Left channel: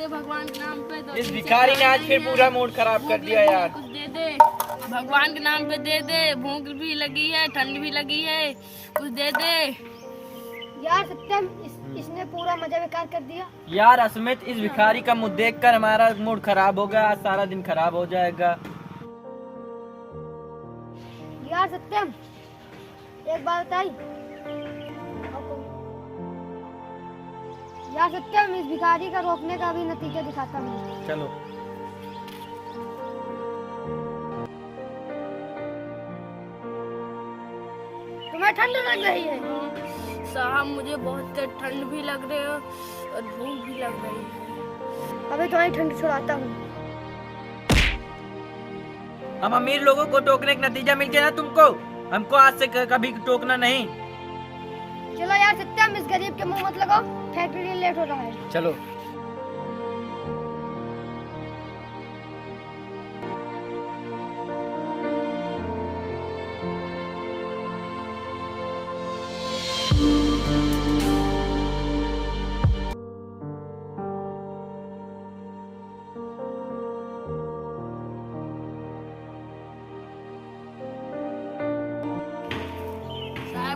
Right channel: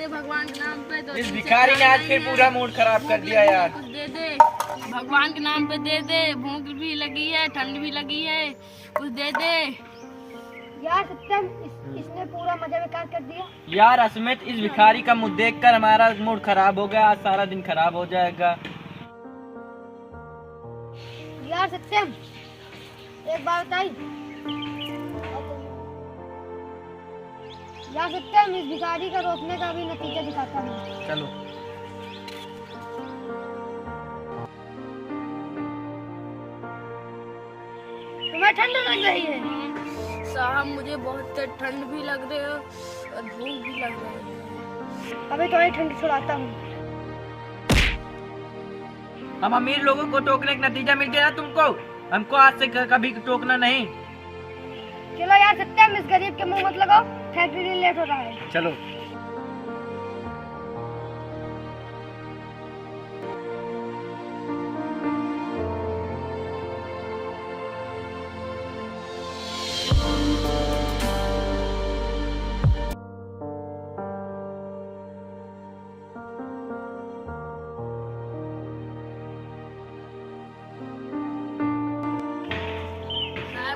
दे भगवान के नाम पे। इस भिखारी ने आज फिर पूरा मूड खराब कर दिया यार। कुछ दे दे भगवान के नाम पे, दे दे। भूख भी लगी है, ठंड भी लगी है, कुछ दे दे यार। सत्यम, इसने पूरा मजा बेकार कर दिया। यार असमित, इस भिखारी का मुंह देखकर हमारा मूड खराब हो गया। आज सारा दिन खराब हो जाएगा। यार सत्यम, एक बात बताई यार। सत्यम, इस भिखारी का रोकने का भी नतीजा दिखाता हूँ। चलो। तुम्हें ठंड लग रही है? साहब मुझे बहुत ठंड भी लग रही है और भूख भी लग रही है। अभी तुम्हारी ठंड छुड़ाता हूँ। हम अमीर लोगों को टोकने का नतीजा मिल गया ना तुमको। हमको आज से कभी टोकना नहीं। चलो यार सत्यम, इस गरीब के मुंह मत लगाओ, फैक्ट्री लेट हो रहा है। चलो।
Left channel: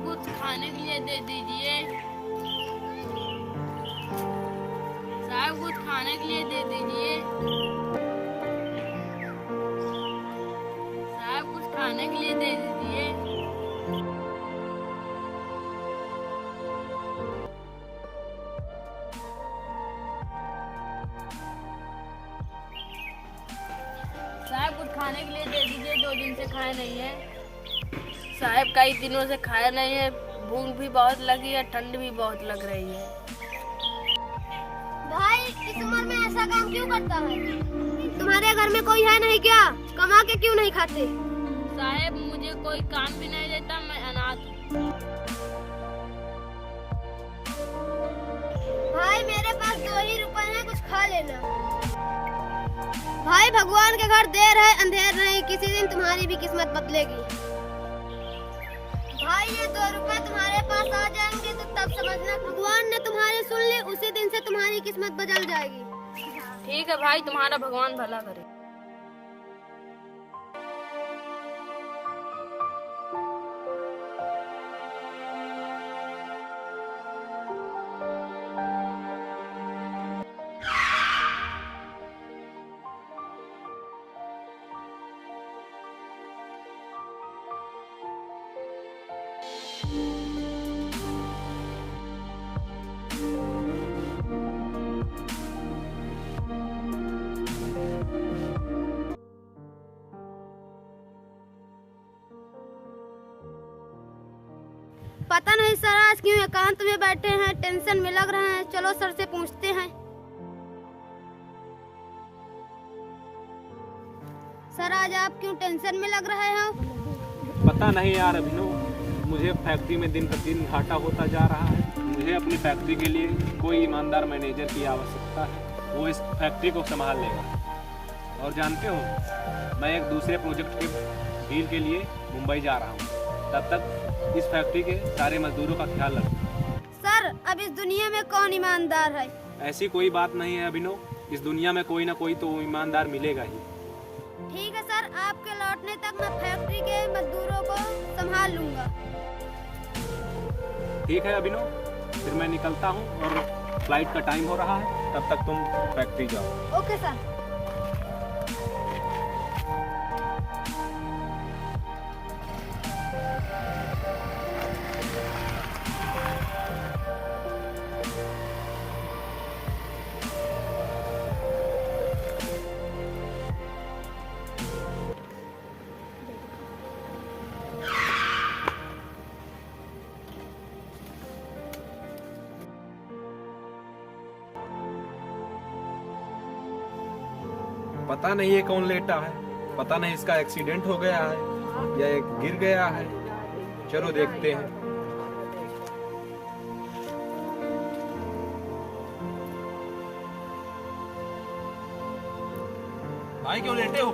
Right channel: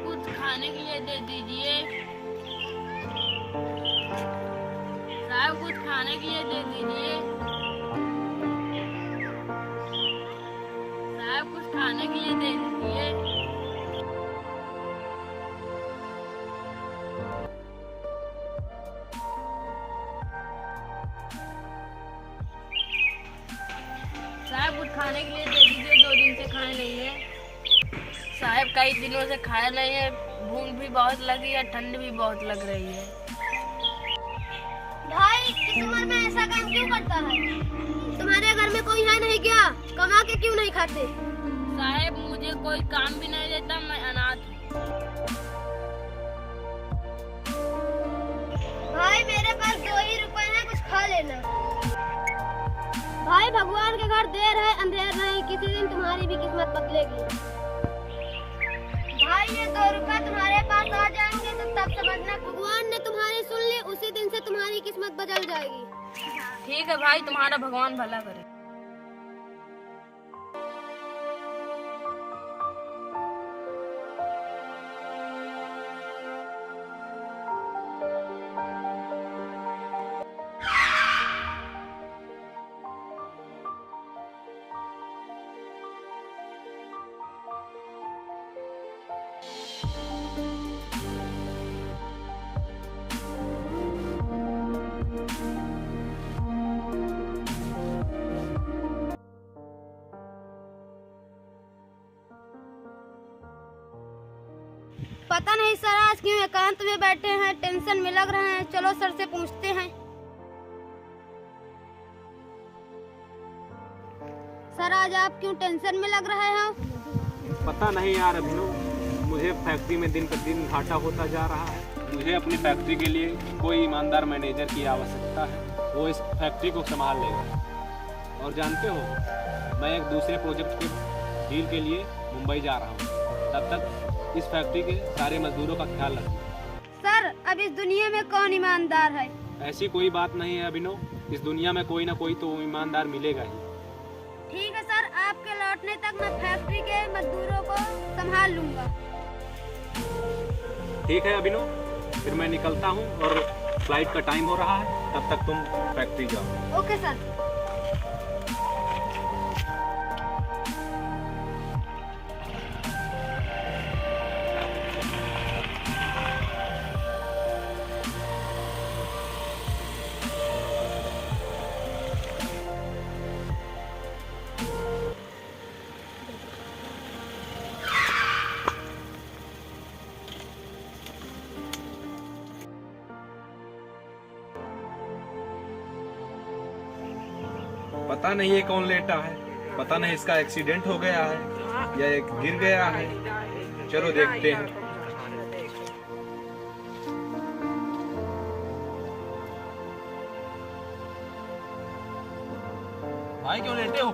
कुछ खाने के लिए दे दीजिए साहब, कुछ खाने के लिए दे दीजिए साहब, कुछ खाने के लिए दे दीजिए। साहब कुछ खाने के लिए दे दीजिए, 2 दिन से खाए नहीं है साहब। कई दिनों से खाया नहीं है, भूख भी बहुत लगी है, ठंड भी बहुत लग रही है। भाई इस उम्र में ऐसा काम क्यों करता है? तुम्हारे घर में कोई है नहीं क्या? कमा के क्यों नहीं खाते? साहब मुझे कोई काम भी नहीं देता, मैं अनाथ हूँ। भाई मेरे पास 2 ही रुपए हैं, कुछ खा लेना। भाई भगवान के घर देर है अंधेर नहीं, किसी दिन तुम्हारी भी किस्मत बदलेगी। भाई ये 2 रुपए तुम्हारे पास आ जाएंगे तो तब समझना भगवान ने तुम्हारी सुन ली, उसी दिन से तुम्हारी किस्मत बदल जाएगी। ठीक है भाई, तुम्हारा भगवान भला करे। पता नहीं सर आज क्यों एकांत में बैठे हैं, टेंशन में लग रहे हैं। चलो सर से पूछते हैं। सर आज आप क्यों टेंशन में लग रहे हो? पता नहीं यार अभिनव, मुझे फैक्ट्री में दिन प्रतिदिन घाटा होता जा रहा है। मुझे अपनी फैक्ट्री के लिए कोई ईमानदार मैनेजर की आवश्यकता है, वो इस फैक्ट्री को संभाल लेगा। और जानते हो, मैं एक दूसरे प्रोजेक्ट के डील के लिए मुंबई जा रहा हूँ। तब तक इस फैक्ट्री के सारे मजदूरों का ख्याल रखूँ। सर अब इस दुनिया में कौन ईमानदार है? ऐसी कोई बात नहीं है अभिनव, इस दुनिया में कोई ना कोई तो ईमानदार मिलेगा ही। ठीक है सर, आपके लौटने तक मैं फैक्ट्री के मजदूरों को संभाल लूंगा। ठीक है अभिनव, फिर मैं निकलता हूँ और फ्लाइट का टाइम हो रहा है, तब तक तुम फैक्ट्री जाओ। Okay sir. पता नहीं ये कौन लेटा है, पता नहीं इसका एक्सीडेंट हो गया है या एक गिर गया है। चलो देखते हैं। भाई क्यों लेटे हो?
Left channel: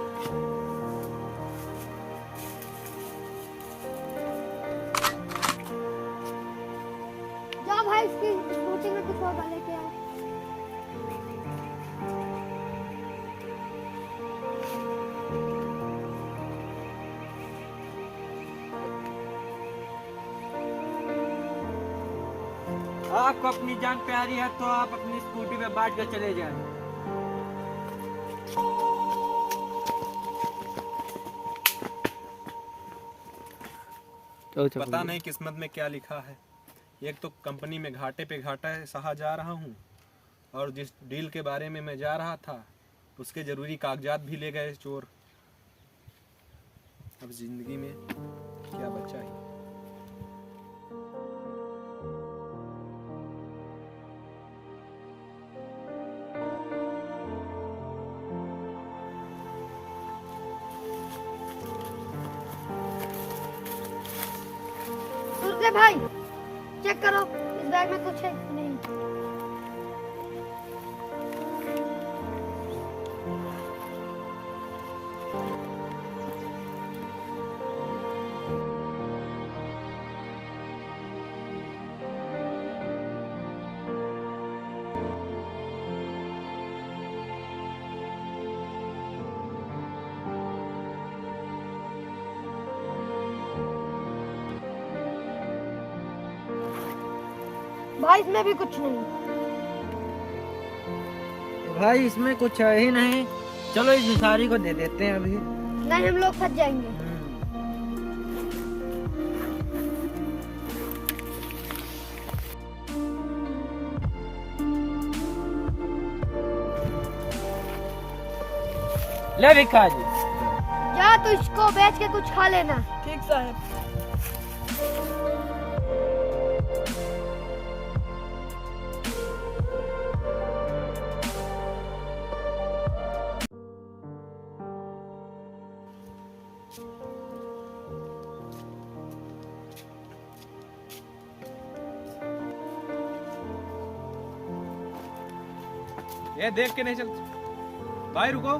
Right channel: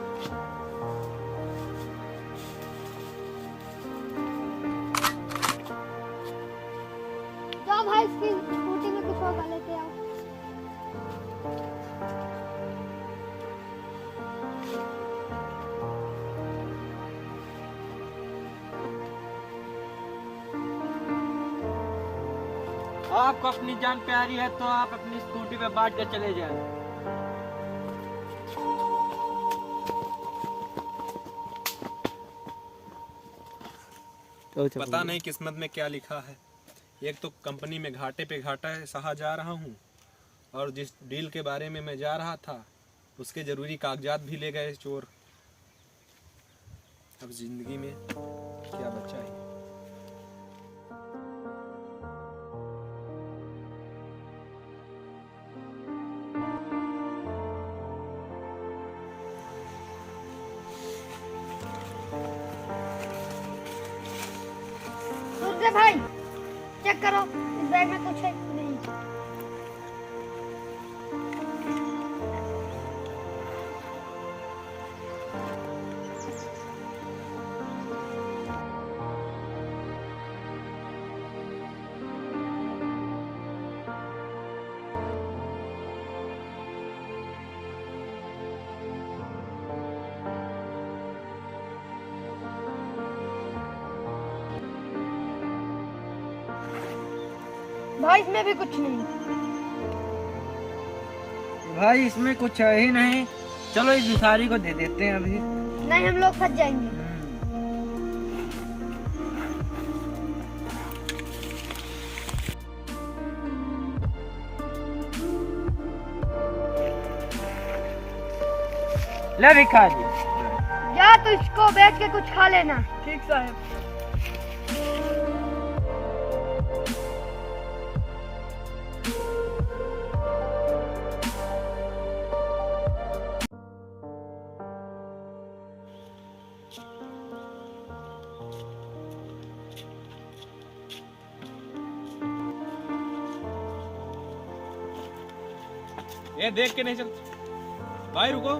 जाओ भाई इसकी स्कूटी में कुछ होगा लेके आओ। आपको अपनी जान प्यारी है तो आप अपनी स्कूटी पे बैठ कर चले जाएं। पता नहीं किस्मत में क्या लिखा है। एक तो कंपनी में घाटे पे घाटा सहा जा रहा हूँ, और जिस डील के बारे में मैं जा रहा था उसके जरूरी कागजात भी ले गए चोर। अब जिंदगी में क्या बचा है। सूर्य भाई चेक करो इस बैग में कुछ है कि नहीं। भाई इसमें भी कुछ नहीं। भाई इसमें कुछ है ही नहीं। चलो इस भिखारी को दे देते हैं अभी। नहीं हम लोग फंस जाएंगे। ले भिखारी। या तो इसको बेच के कुछ खा लेना। ठीक साहब। ये देख के नहीं चल भाई, रुको।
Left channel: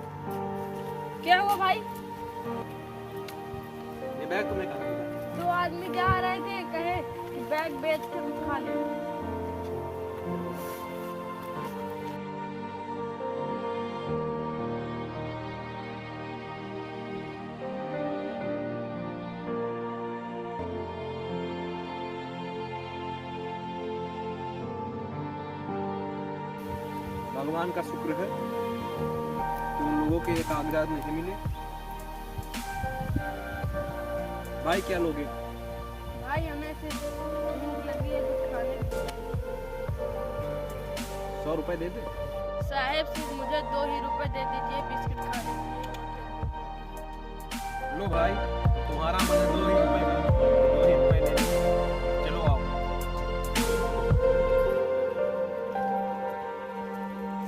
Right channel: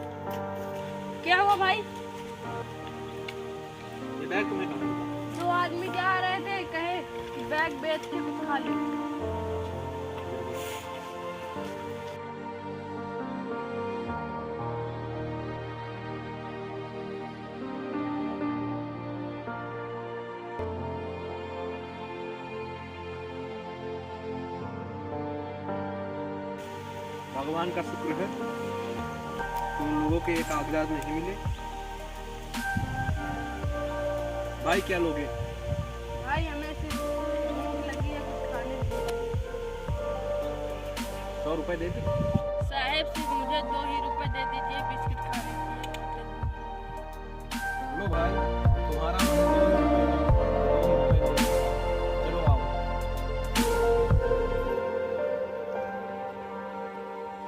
क्या हुआ भाई? ये बैग तुम्हें कहाँ मिला? दो आदमी जा रहे थे, कहे कि बैग बेच के भी खा लो। भगवान का शुक्र है तुम लोगों के ये कागजात नहीं मिले। भाई क्या लोगे? भाई हमें सिर्फ भूख लगी है कुछ खाने के लिए। 100 रुपए दे दे। साहब सिर्फ मुझे 2 ही रुपए दे दीजिए बिस्किट खाने के लिए। लो भाई, तुम्हारा मन है 2 ही रुपए का, तो 2 ही रुपए ले लो। चलो आओ।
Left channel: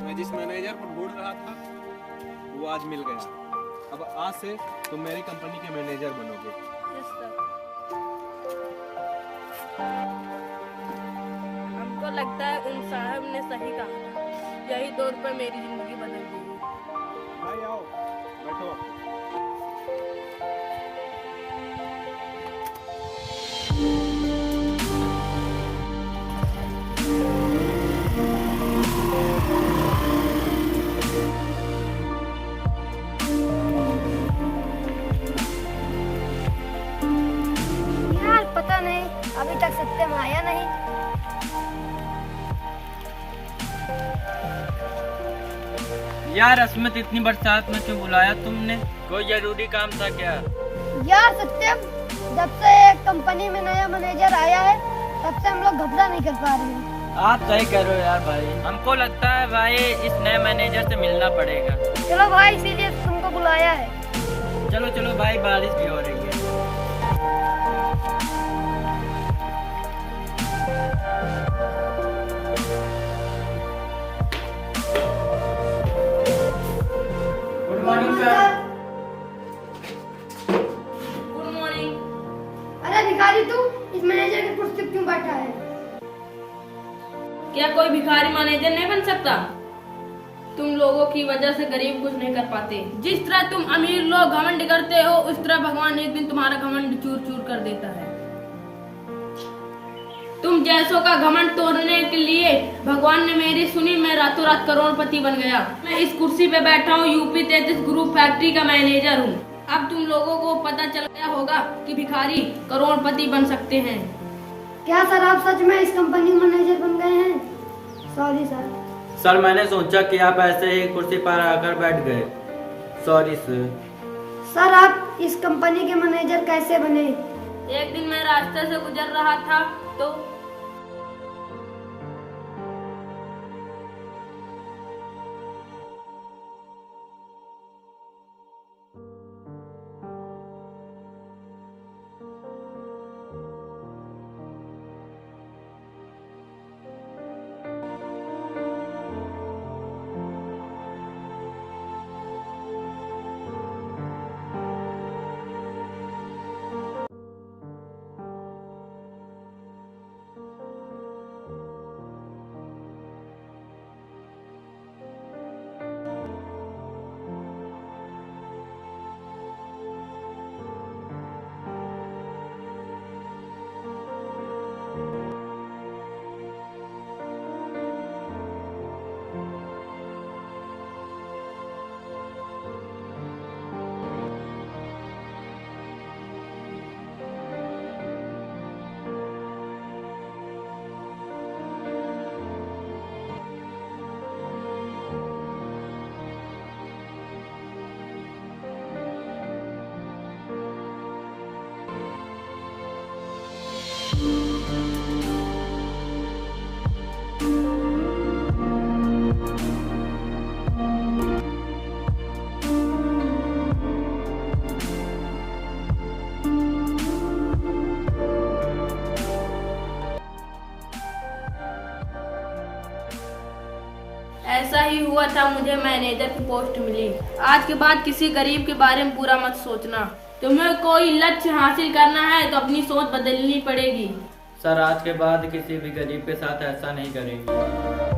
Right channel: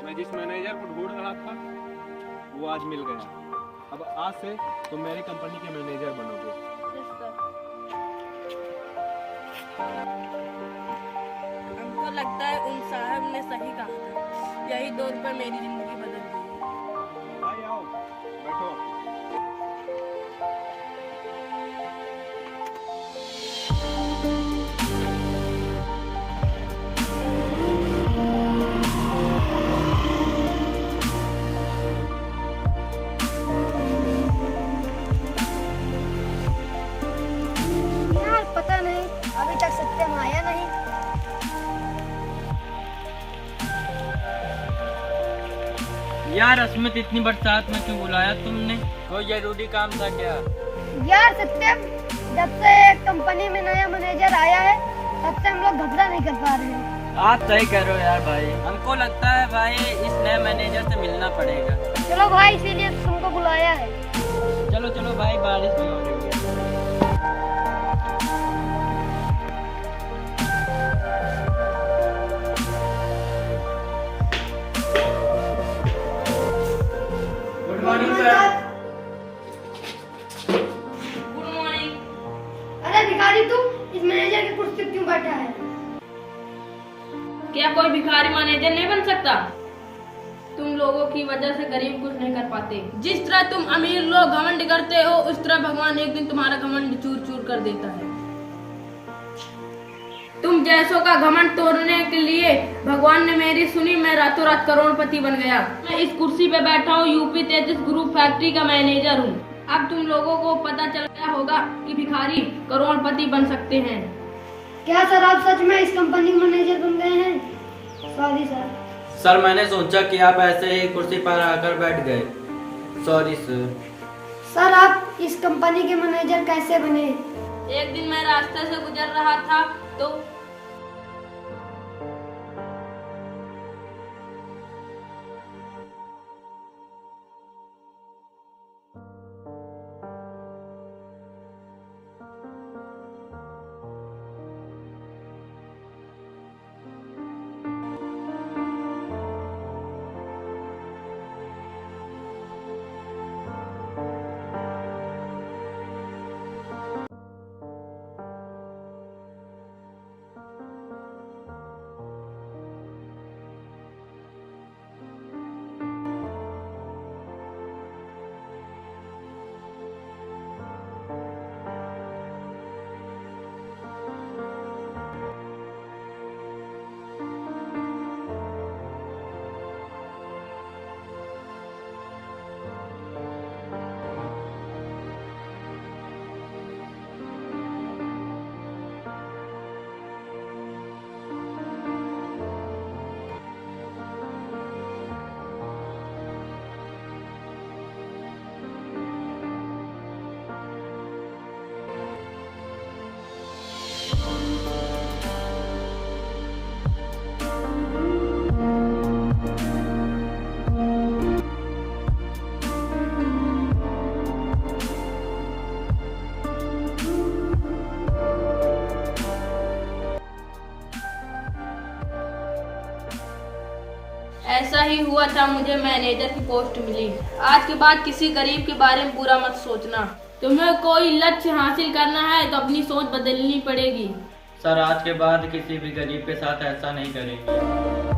मैं जिस मैनेजर को ढूंढ रहा था वो आज मिल गया। अब आज से तुम मेरी कंपनी के मैनेजर बनोगे। Yes sir. हमको लगता है उन साहब ने सही कहा था। यही 2 रुपए मेरी जिंदगी बदल देगी। भाई आओ, बैठो आप। यार पता नहीं अभी तक सत्यम आया नहीं। यार अस्मित, इतनी बरसात में क्यों बुलाया तुमने? कोई जरूरी काम था क्या? यार सत्यम, जब से कंपनी में नया मैनेजर आया है तब से हम लोग घबरा नहीं कर पा रहे हैं। आप सही कह रहे हो यार भाई। हमको लगता है भाई इस नए मैनेजर से मिलना पड़ेगा। चलो भाई इसीलिए तुमको बुलाया है। चलो चलो भाई, बारिश भी हो रही है। Good morning sir. Good morning. अरे भिखारी तू इस मैनेजर की कुर्सी पे क्यों बैठा है? क्या कोई भिखारी मैनेजर नहीं बन सकता? तुम लोगों की वजह से गरीब कुछ नहीं कर पाते। जिस तरह तुम अमीर लोग घमंड करते हो उस तरह भगवान एक दिन तुम्हारा घमंड चूर चूर कर देता है। तुम जैसों का घमंड तोड़ने के लिए भगवान ने मेरी सुनी, मैं रातों रात करोड़पति बन गया। मैं इस कुर्सी पे बैठा हूँ, यूपी 33 ग्रुप फैक्ट्री का मैनेजर हूँ। अब तुम लोगों को पता चल गया होगा कि भिखारी करोड़पति बन सकते हैं। क्या सर आप सच में इस कंपनी के मैनेजर बन गए हैं? Sorry sir. सर मैंने सोचा कि आप ऐसे ही कुर्सी पर आकर बैठ गए। Sorry sir. सर आप इस कंपनी के मैनेजर कैसे बने? एक दिन मैं रास्ते से गुजर रहा था तो ऐसा ही हुआ था, मुझे मैनेजर की पोस्ट मिली। आज के बाद किसी गरीब के बारे में बुरा मत सोचना। तुम्हें कोई लक्ष्य हासिल करना है तो अपनी सोच बदलनी पड़ेगी। सर आज के बाद किसी भी गरीब के साथ ऐसा नहीं करेंगे।